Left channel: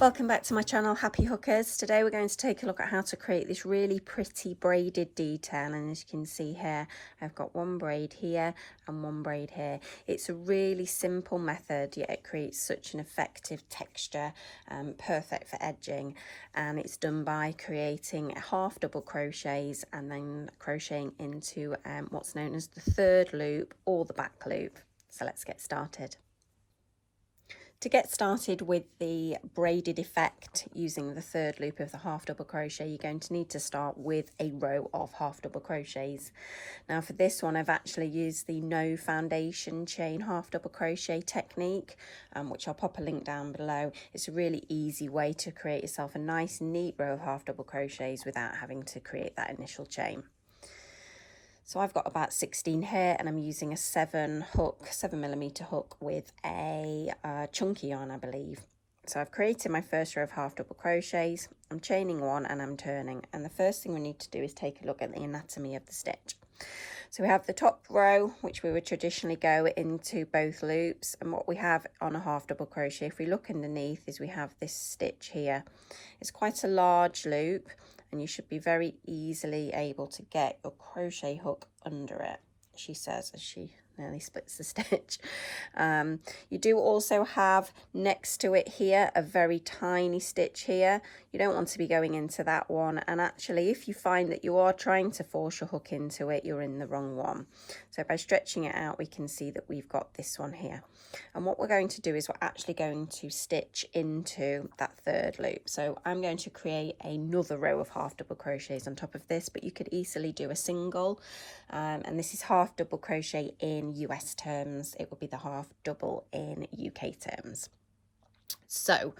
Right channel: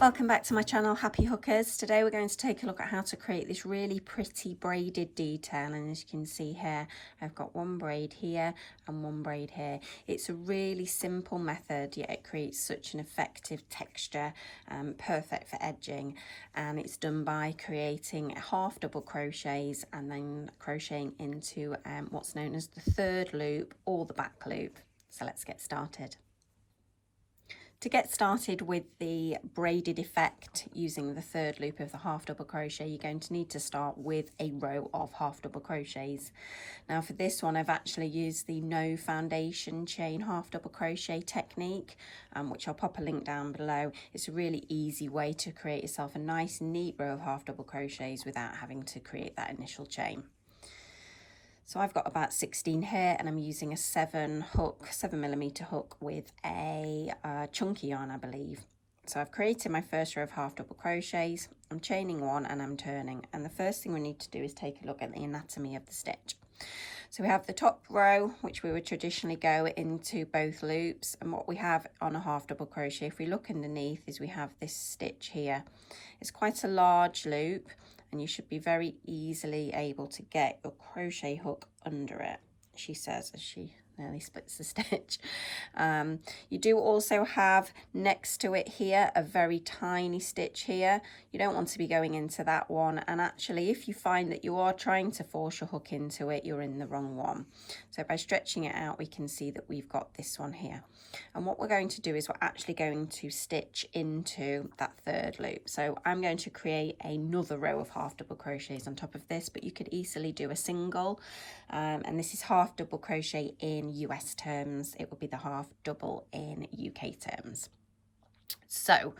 Welcome back to my channel, Happy Hookers. Today we're going to take a look at how to create this really pretty braided detail, and as you can see here I've got one braid here and one braid here. It's a really simple method, yet it creates such an effective texture, perfect for edging, and it's done by creating half double crochets and then crocheting into what's known as the third loop or the back loop. So let's get started. To get started with the braided effect using the third loop of the half double crochet, you're going to need to start with a row of half double crochets. Now for this one I've actually used the no foundation chain half double crochet technique, which I'll pop a link down below. It's a really easy way to create yourself a nice neat row of half double crochets without having to create that initial chain. So I've got about 16 here, and I'm using a 7mm hook with a chunky yarn, I believe. So I've created my first row of half double crochets. I'm chaining one and I'm turning, and the first thing we need to do is take a look at the anatomy of the stitch. So we have the top row, which we would traditionally go into both loops, and what we have on a half double crochet, if we look underneath, is we have this stitch here. It's quite a large loop, and you should be very easily able to get your crochet hook under it, she says as she nearly splits the stitch. You do also have next to it here a very tiny stitch here. You don't want to be going into that one, and actually if you find that you are trying to force your hook into it, you're in the wrong one. So by stretching it out we can see that we've got this one here, and what we're going to do is we're actually going to stitch into that third loop. So I'm going to create another row of half double crochets on top of this, but you could easily do a single, and this is half double crochet in US terms. It would be the half double in UK terms. So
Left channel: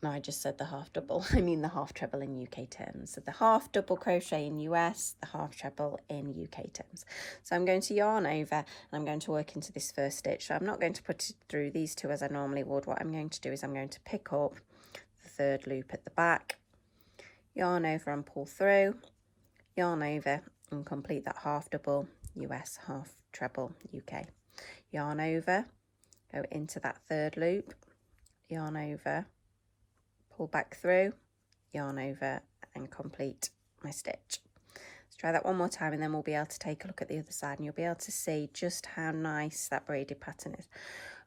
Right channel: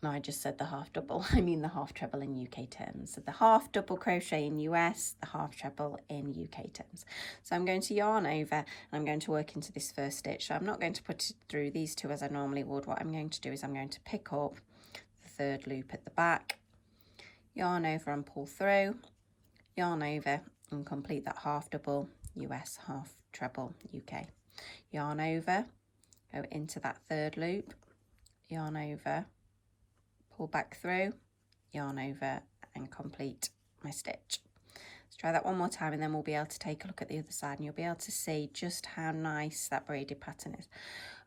no, I just said the half double, I mean the half treble in UK terms. So the half double crochet in US, the half treble in UK terms. So I'm going to yarn over and I'm going to work into this first stitch. So I'm not going to put it through these two as I normally would. What I'm going to do is I'm going to pick up the third loop at the back, yarn over and pull through, yarn over and complete that half double US, half treble UK. Yarn over, go into that third loop, yarn over, pull back through, yarn over and complete my stitch. Let's try that one more time, and then we'll be able to take a look at the other side and you'll be able to see just how nice that braided pattern is.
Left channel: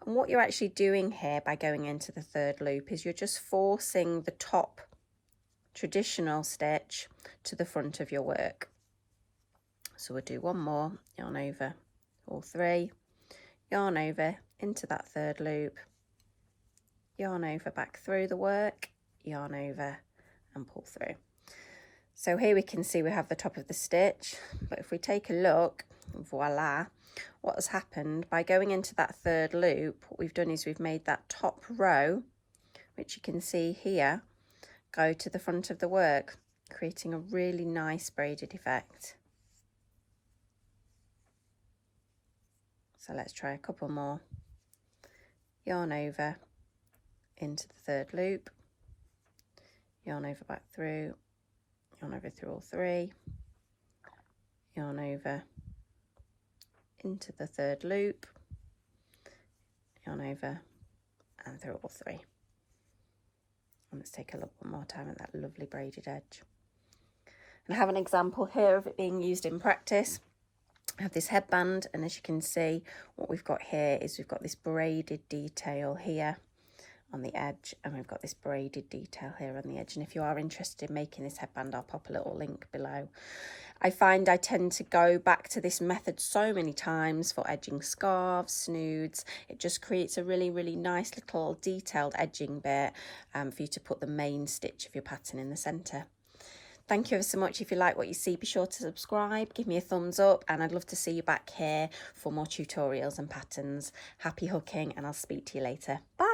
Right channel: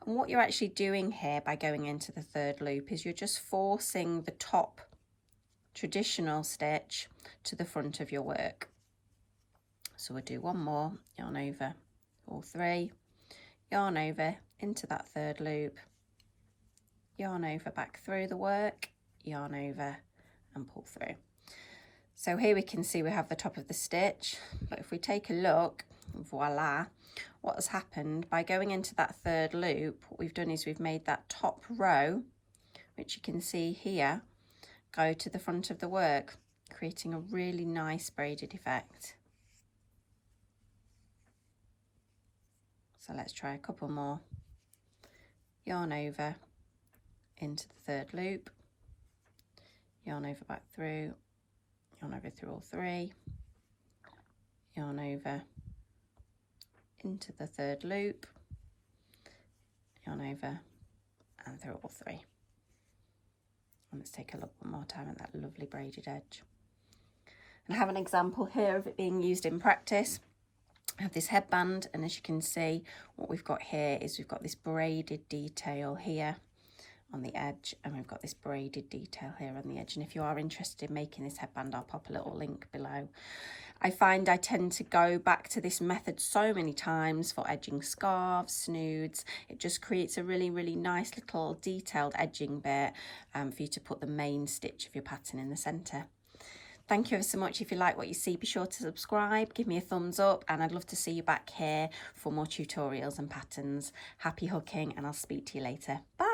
And what you're actually doing here by going into the third loop is you're just forcing the top traditional stitch to the front of your work. So we'll do one more, yarn over, all three, yarn over into that third loop, yarn over back through the work, yarn over and pull through. So here we can see we have the top of the stitch, but if we take a look, voila, what has happened by going into that third loop, what we've done is we've made that top row, which you can see here, go to the front of the work, creating a really nice braided effect. So let's try a couple more. Yarn over into the third loop, yarn over back through, yarn over through all three, yarn over into the third loop, yarn over and through all three. And let's take a look one more time at that lovely braided edge. And I have an example here of it being used in practice. I have this headband, and as you can see, what we've got here is we've got this braided detail here on the edge, and we've got this braided detail here on the edge. And if you are interested in making this headband, I'll pop a little link below. I find I tend to go back to this method so many times for edging scarves, snoods. It just creates a really nice little detailed edging bit for you to put the main stitch of your pattern in the centre. Thank you ever so much. If you like what you see, be sure to subscribe, give me a thumbs up, and I'd love to see you back here for more tutorials and patterns. Happy hooking, and I'll speak to you later. Bye.